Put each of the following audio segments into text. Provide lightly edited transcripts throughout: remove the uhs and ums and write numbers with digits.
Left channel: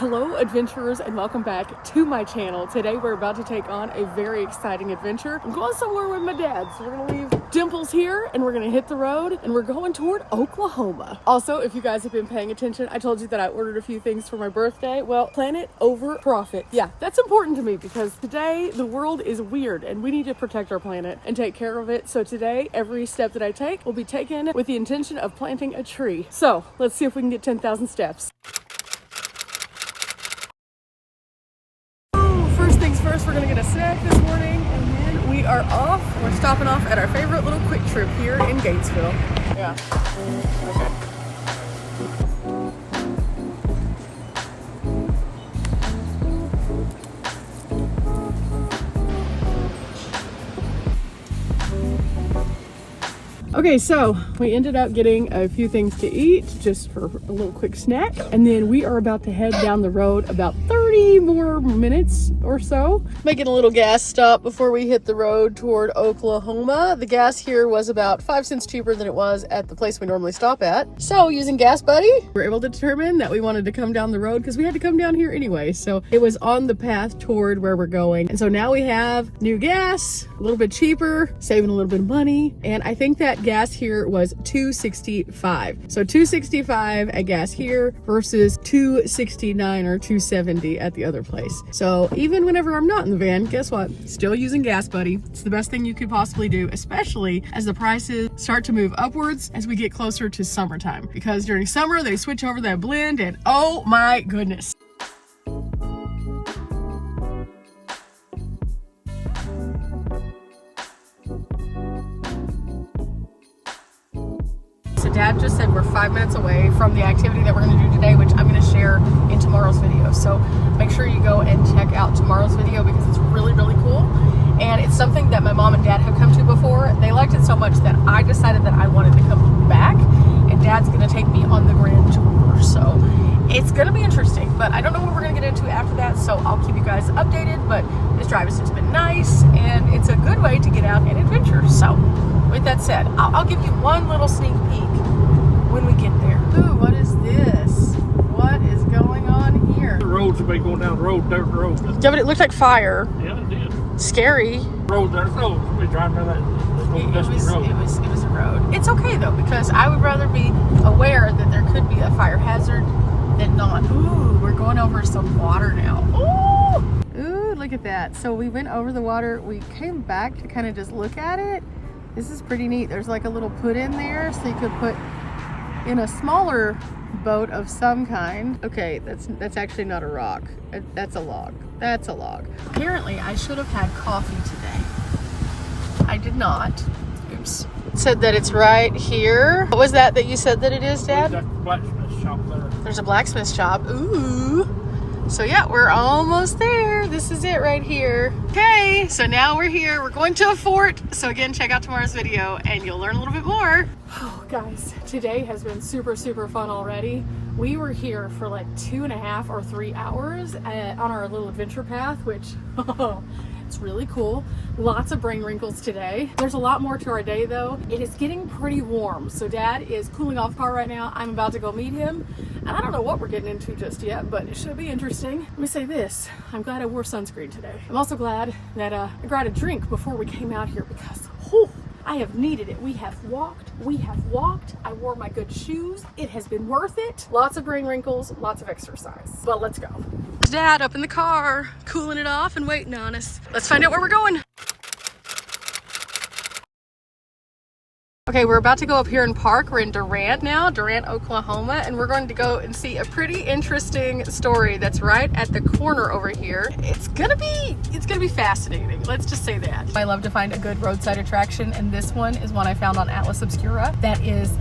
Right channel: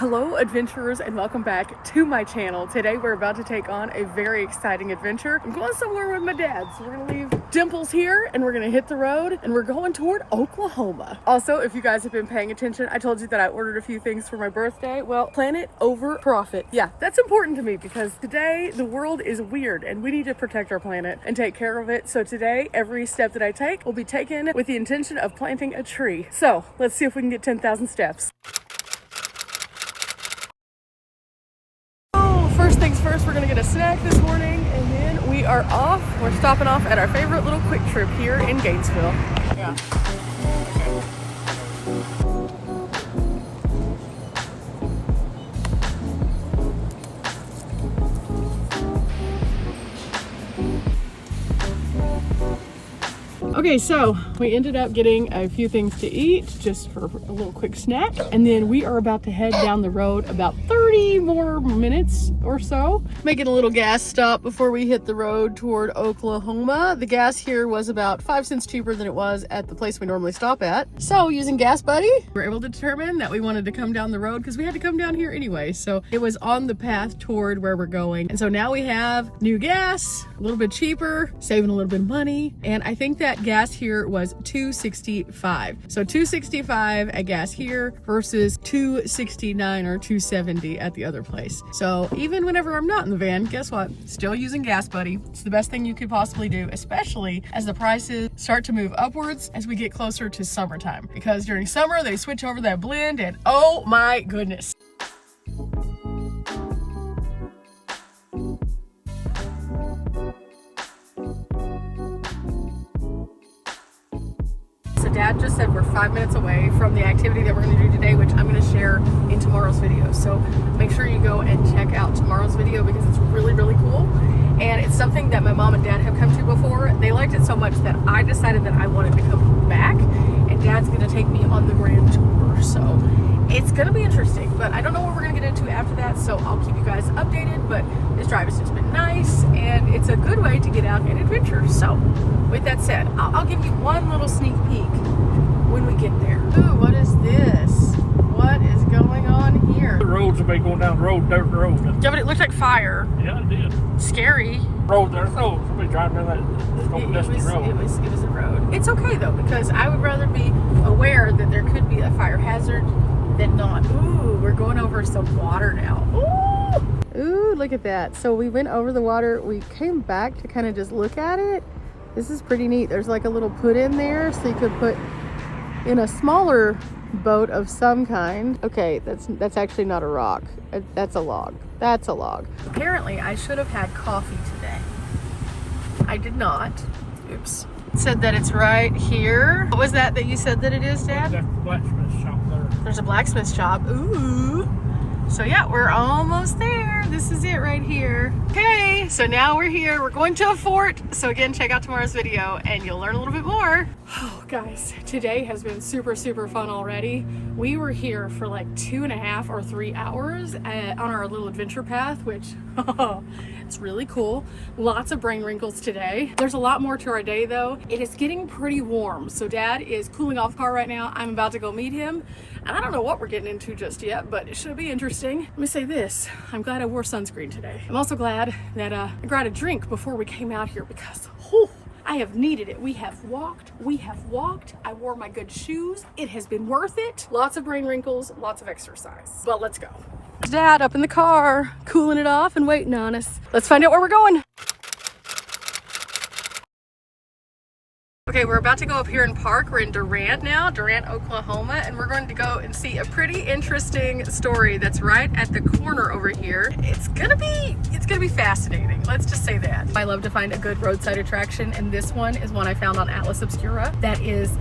Hello adventurers and welcome back to my channel. Today we're about to take on a very exciting adventure. I'm going somewhere with my dad, so we're gonna leave Dimples here and we're gonna hit the road and we're going toward Oklahoma. Also, if you guys have been paying attention, I told you that I ordered a few things for my birthday. Well, planet over profit. Yeah, that's important to me because today the world is weird and we need to protect our planet and take care of it. So today, every step that I take will be taken with the intention of planting a tree. So let's see if we can get 10,000 steps. First, we're gonna get a snack this morning and then we are off. We're stopping off at our favorite little quick trip here in Gainesville. Yeah. Okay, so we ended up getting a few things to eat just for a little quick snack. And then we are about to head down the road about 30 more minutes or so. Making a little gas stop before we hit the road toward Oklahoma. The gas here was about 5 cents cheaper than it was at the place we normally stop at. So using Gas Buddy, we were able to determine that we wanted to come down the road because we had to come down here anyway. So it was on the path toward where we're going. And so now we have new gas, a little bit cheaper, saving a little bit of money. And I think that gas here was $2.65. So $2.65 at gas here versus $2.69 or $2.70 at the other place. So even whenever I'm not in the van, guess what? Still using Gas Buddy. It's the best thing you could possibly do, especially as the prices start to move upwards as we get closer to summertime. Because during summer, they switch over that blend and oh my goodness. Dad just said we're 5 minutes away from the activity that we're going to do today, which I'm going to share in tomorrow's video. So make sure you go and check out tomorrow's video because it's really, really cool. And it's something that my mom and dad have come to before. They liked it so much that I decided that I wanted to come back. And Dad's going to take me on the grand tour. So it's going to be interesting, but I don't know what we're going to get into after that. So I'll keep you guys updated. But this drive has just been nice and it's a good way to get out and adventure. So with that said, I'll give you one little sneak peek when we get there. Ooh, what is this? What is going on here? The roads have been going down the road, dirt road. Yeah, but it looked like fire. Yeah, it did. Scary. Road, there's roads. We trying to do that. It was a road. It's okay though, because I would rather be aware that there could be a fire hazard than not. Ooh, we're going over some water now. Ooh, look at that. So we went over the water. We came back to kind of just look at it. This is pretty neat. There's like a little put in there so you could put in a smaller boat of some kind. Okay, that's actually not a rock. That's a log. That's a log. Apparently, I should have had coffee today. I did not. Oops. It said that it's right here. What was that you said that it is, Dad? There's a blacksmith shop there. There's a blacksmith shop. Ooh. So yeah, we're almost there. This is it right here. Okay, so now we're here. We're going to a fort. So again, check out tomorrow's video and you'll learn a little bit more. Oh, guys, today has been super, super fun already. We were here for like 2.5 or 3 hours on our little adventure path, which it's really cool. Lots of brain wrinkles today. There's a lot more to our day though. It is getting pretty warm. So Dad is cooling off the car right now. I'm about to go meet him. And I don't know what we're getting into just yet, but it should be interesting. Let me say this. I'm glad I wore sunscreen today. I'm also glad that I grabbed a drink before we came out here because I have needed it. We have walked. I wore my good shoes. It has been worth it. Lots of brain wrinkles, lots of exercise. But let's go. Dad up in the car, cooling it off and waiting on us. Let's find out where we're going. Okay, we're about to go up here and park. We're in Durant now, Durant, Oklahoma, and we're going to go and see a pretty interesting story that's right at the corner over here. It's gonna be fascinating. Let's just say that. I love to find a good roadside attraction, and this one is one I found on Atlas Obscura that is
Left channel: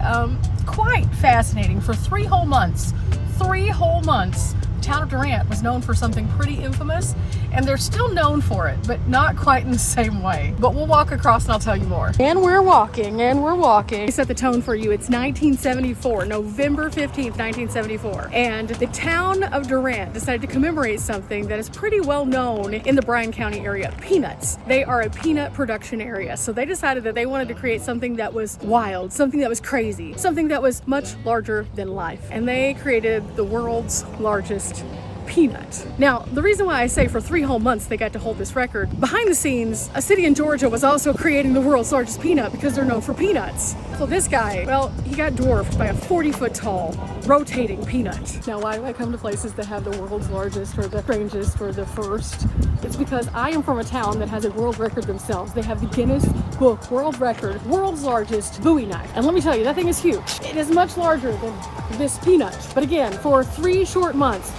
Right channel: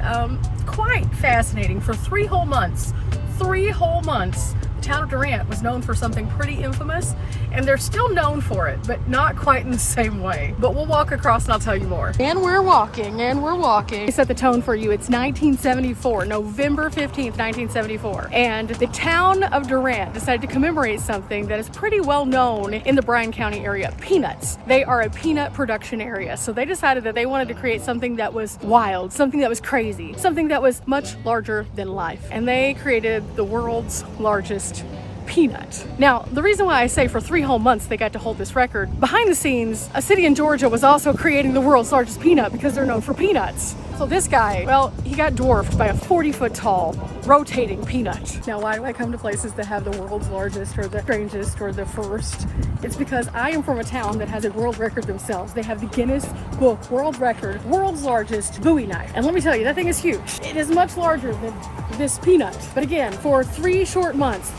quite fascinating. For 3 whole months, the town of Durant was known for something pretty infamous, and they're still known for it, but not quite in the same way. But we'll walk across and I'll tell you more. And we're walking. I set the tone for you. It's 1974, November 15th, 1974. And the town of Durant decided to commemorate something that is pretty well known in the Bryan County area, peanuts. They are a peanut production area. So they decided that they wanted to create something that was wild, something that was crazy, something that was much larger than life. And they created the world's largest peanut. Now, the reason why I say for 3 whole months they got to hold this record, behind the scenes, a city in Georgia was also creating the world's largest peanut because they're known for peanuts. So this guy, well, he got dwarfed by a 40-foot tall rotating peanut. Now, why do I come to places that have the world's largest or the strangest or the first? It's because I am from a town that has a world record themselves. They have the Guinness Book World Record, world's largest Bowie knife. And let me tell you, that thing is huge. It is much larger than this peanut. But again, for 3 short months,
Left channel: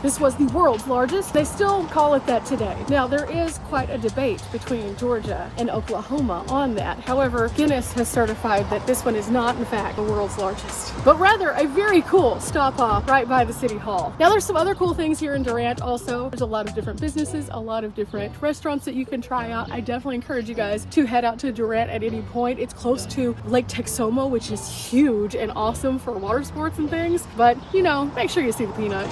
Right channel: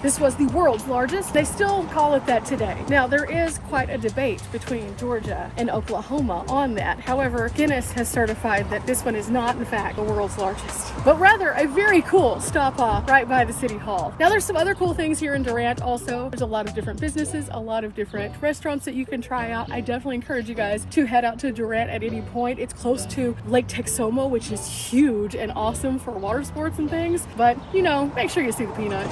this was the world's largest. They still call it that today. Now, there is quite a debate between Georgia and Oklahoma on that. However, Guinness has certified that this one is not, in fact, the world's largest, but rather a very cool stop off right by the city hall. Now, there's some other cool things here in Durant also. There's a lot of different businesses, a lot of different restaurants that you can try out. I definitely encourage you guys to head out to Durant at any point. It's close to Lake Texoma, which is huge and awesome for water sports and things, but you know, make sure you see the peanut.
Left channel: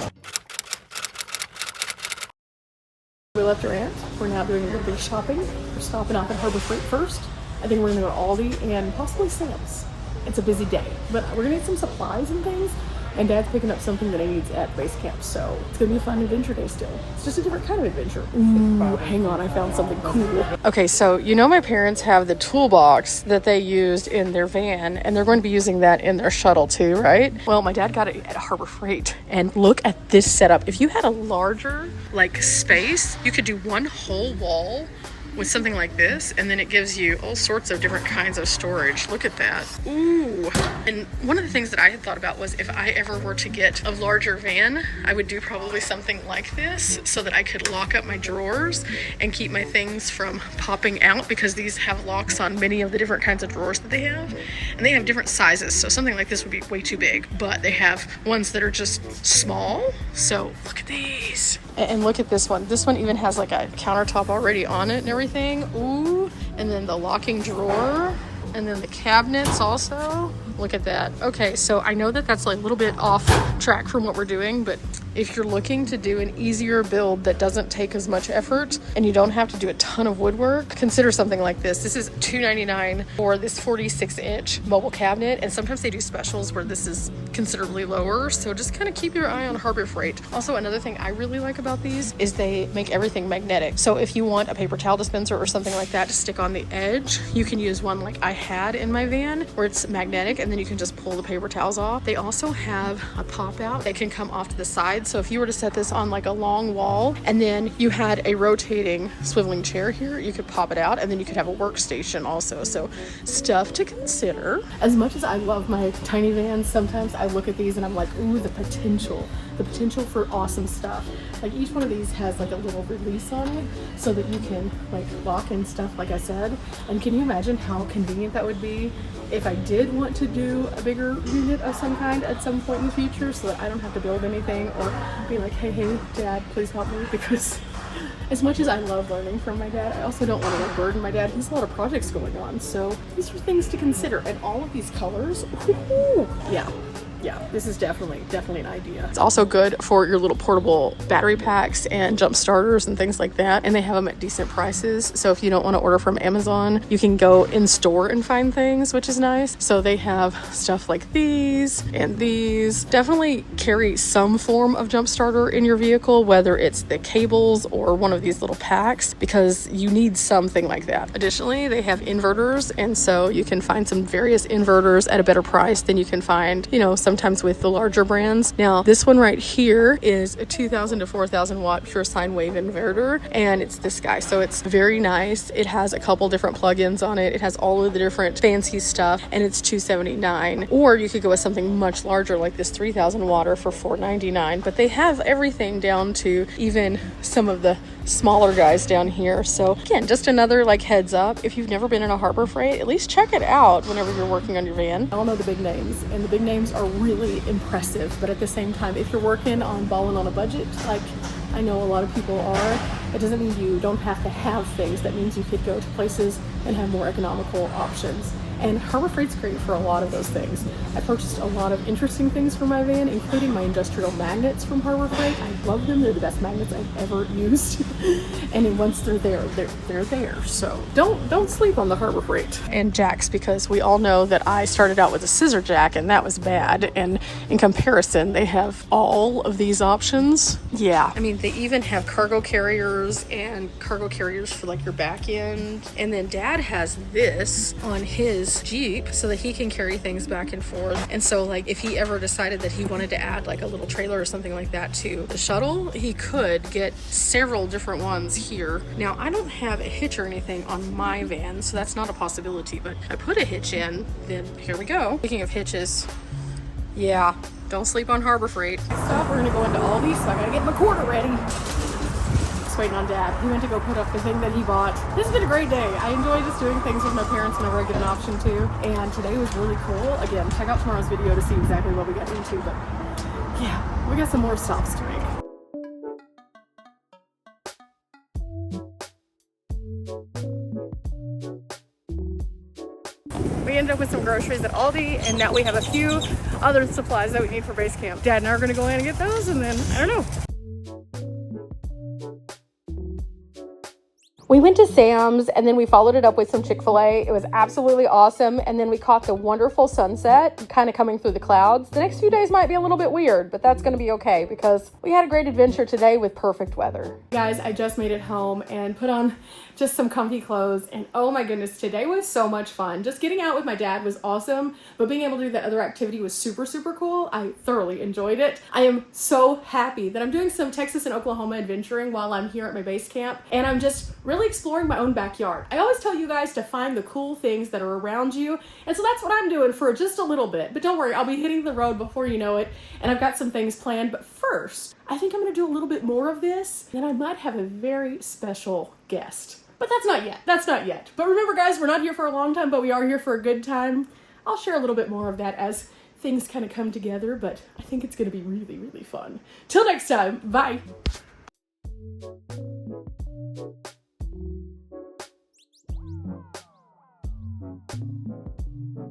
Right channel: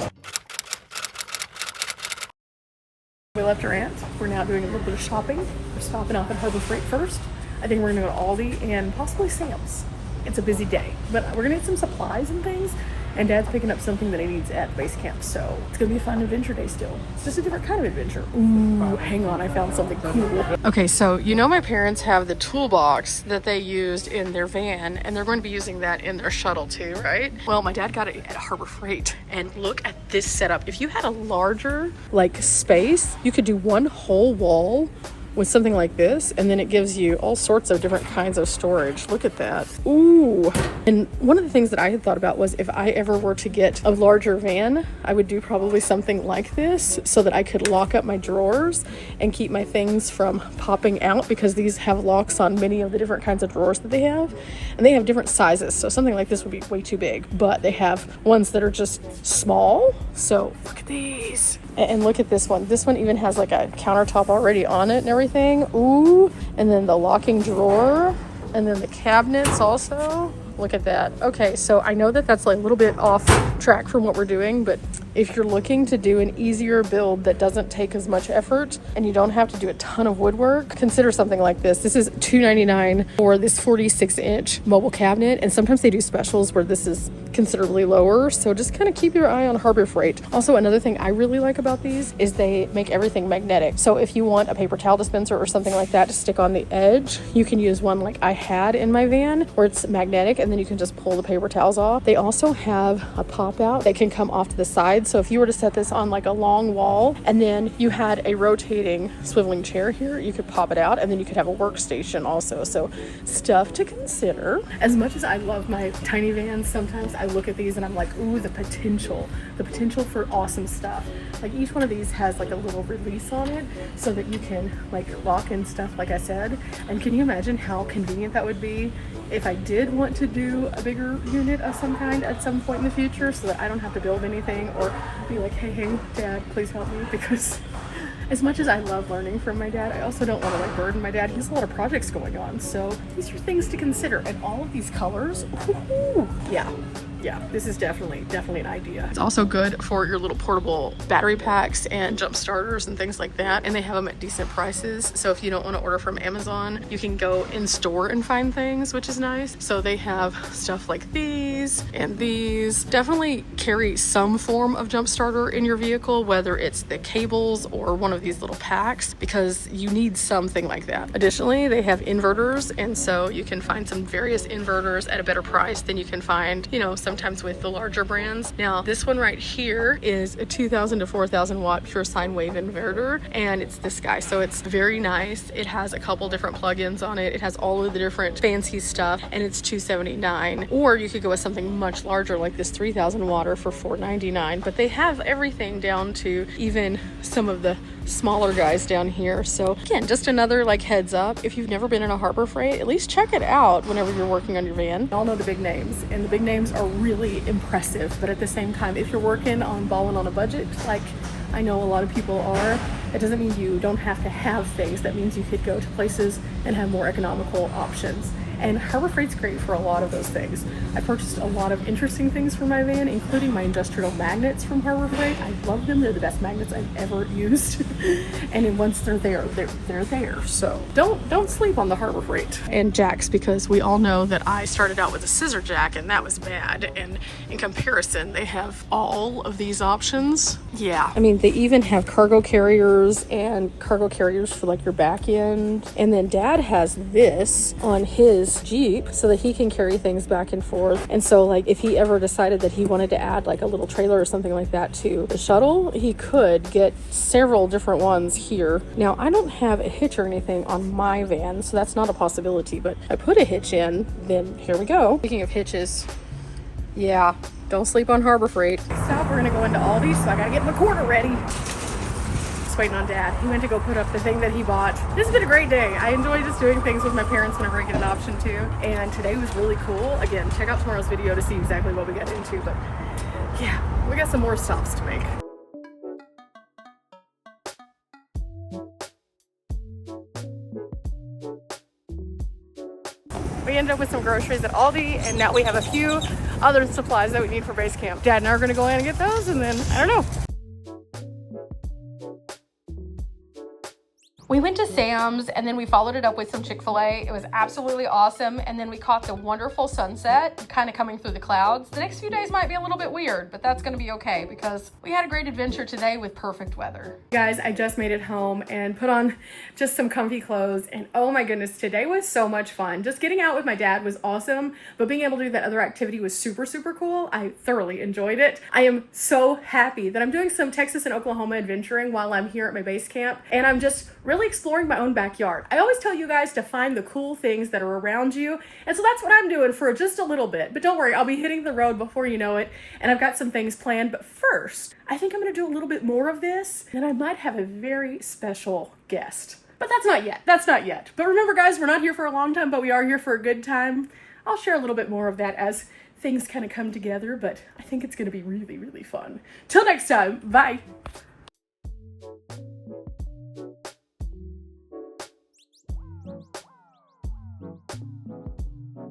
We left Durant. We're now doing a little bit of shopping. We're stopping off at Harbor Freight first. I think we're gonna go to Aldi and possibly Sam's. It's a busy day, but we're gonna need some supplies and things, and Dad's picking up something that he needs at base camp, so it's gonna be a fun adventure day still. It's just a different kind of adventure. Ooh, hang on, I found something cool. Okay, so you know my parents have the toolbox that they used in their van, and they're going to be using that in their shuttle too, right? Well, my dad got it at Harbor Freight, and look at this setup. If you had a larger like space, you could do one whole wall with something like this, and then it gives you all sorts of different kinds of storage. Look at that. Ooh. And one of the things that I had thought about was if I ever were to get a larger van, I would do probably something like this so that I could lock up my drawers and keep my things from popping out, because these have locks on many of the different kinds of drawers that they have, and they have different sizes. So something like this would be way too big, but they have ones that are just small. So look at these. And look at this one. This one even has like a countertop already on it and everything. Ooh. And then the locking drawer. And then the cabinets also. Look at that. Okay, so I know that that's like a little bit off track from what we're doing, but if you're looking to do an easier build that doesn't take as much effort and you don't have to do a ton of woodwork, consider something like this. This is $2.99 for this 46-inch mobile cabinet, and sometimes they do specials where this is considerably lower, so just kind of keep your eye on Harbor Freight. Also, another thing I really like about these is they make everything magnetic. So if you want a paper towel dispenser or something like that to stick on the edge, you can use one like I had in my van where it's magnetic, and then you can just pull the paper towels off. They also have a pop out that can come off to the side. So if you were to set this on like a long wall and then you had a rotating swiveling chair here, you could pop it out, and then you could have a workstation also. So stuff to consider. As much as I love my tiny vans, sometimes I look at these and I'm like, ooh, the potential for awesome stuff. Like each one of these has like a little release on it so that you can like lock and stuff, like I said. And can you imagine how convenient that would be if I did want to do a bigger unit of some kind at some point in the future, so that I don't have to build anything or be like, hey, Dad, please help me? Because as much as I love learning from my dad, I also don't want to like burden my dad. He has a lot of projects going on. So these are things to consider. And all of these colors, ooh, yeah, this is definitely an idea. It's also good for your little portable battery packs and jump starters and things like that. And they have them at decent prices. So if you don't want to order from Amazon, you can go in store and find things, which is nice. So they have stuff like these and these. Definitely carry some form of jump starter in your vehicle, whether it's the cables or one of these little packs, because you need something like that. Additionally, they have inverters, and so you can find some various inverters at a better price than you can find, you know, sometimes with the larger brands. Now, this one right here is a 2,000 to 4,000 watt pure sine wave inverter, and it's this guy. So it's very nice. It has a couple different plugins on it. It has all of the different fancy stuff, and it's $279. Or you could go with something much larger like this 3,000 watt for $499. But they have everything down to even some of the smaller guys down here. So again, just another like heads up, if you've never been in a Harbor Freight, at least check it out whenever you're working on your van. I all know the big names, and the big names are really impressive, but at the same time, if you're working on balling on a budget, like I know a lot of people are, it doesn't mean you don't have to have things. That means you could go to places and have more economical options. And Harbor Freight's great for a lot of those things. I purchased a lot of interesting things for my van, including my industrial magnets from Harbor Freight. I love them. They're the best magnets I've ever used. And then once they're there, they're there. So don't sleep on the Harbor Freight. And jacks, because we all know that I started out with a scissor jack and that was bad. And in comparison, they have all of these options. Yeah, I mean, they even have cargo carriers and cargo carriers for like your back end. And then Dad has this on his Jeep so that he can carry things back and forth. And so like if he ever decided that he wanted to add like a little trailer or something like that to the shuttle, he could get several different ones here. Now I don't have a hitch or anything on my van, so that's not a possibility, but if I put a hitch in, then here we go. Speaking of hitches, yeah, don't sleep on Harbor Freight. So we're gonna go into Aldi's, so I gotta get my quarter ready. Just waiting on Dad. He went to go put up the thing that he bought. This has been a great day. I enjoy just doing things with my parents whenever I get an option to. And today was really cool. Again, check out tomorrow's video to see exactly what we got into. But yeah, we got some more stops to make. We ended up with some groceries at Aldi, and now we have a few other supplies that we need for base camp. Dad and I are gonna go in and get those, and then, I don't know. We went to Sam's and then we followed it up with some Chick-fil-A. It was absolutely awesome. And then we caught the wonderful sunset kind of coming through the clouds. The next few days might be a little bit weird, but that's going to be okay because we had a great adventure today with perfect weather. Guys, I just made it home and put on just some comfy clothes. And oh my goodness, today was so much fun. Just getting out with my dad was awesome, but being able to do that other activity was super, super cool. I thoroughly enjoyed it. I am so happy that I'm doing some Texas and Oklahoma adventuring while I'm here at my base camp. And I'm just really exploring my own backyard. I always tell you guys to find the cool things that are around you. And so that's what I'm doing for just a little bit. But don't worry, I'll be hitting the road before you know it. And I've got some things planned. But first, I think I'm going to do a little bit more of this. Then I might have a very special guest. But that's not yet. That's not yet. But remember, guys, we're not here for a long time, but we are here for a good time. I'll share a little bit more of that as things kind of come together. But I think it's going to be really, really fun. Till next time, bye.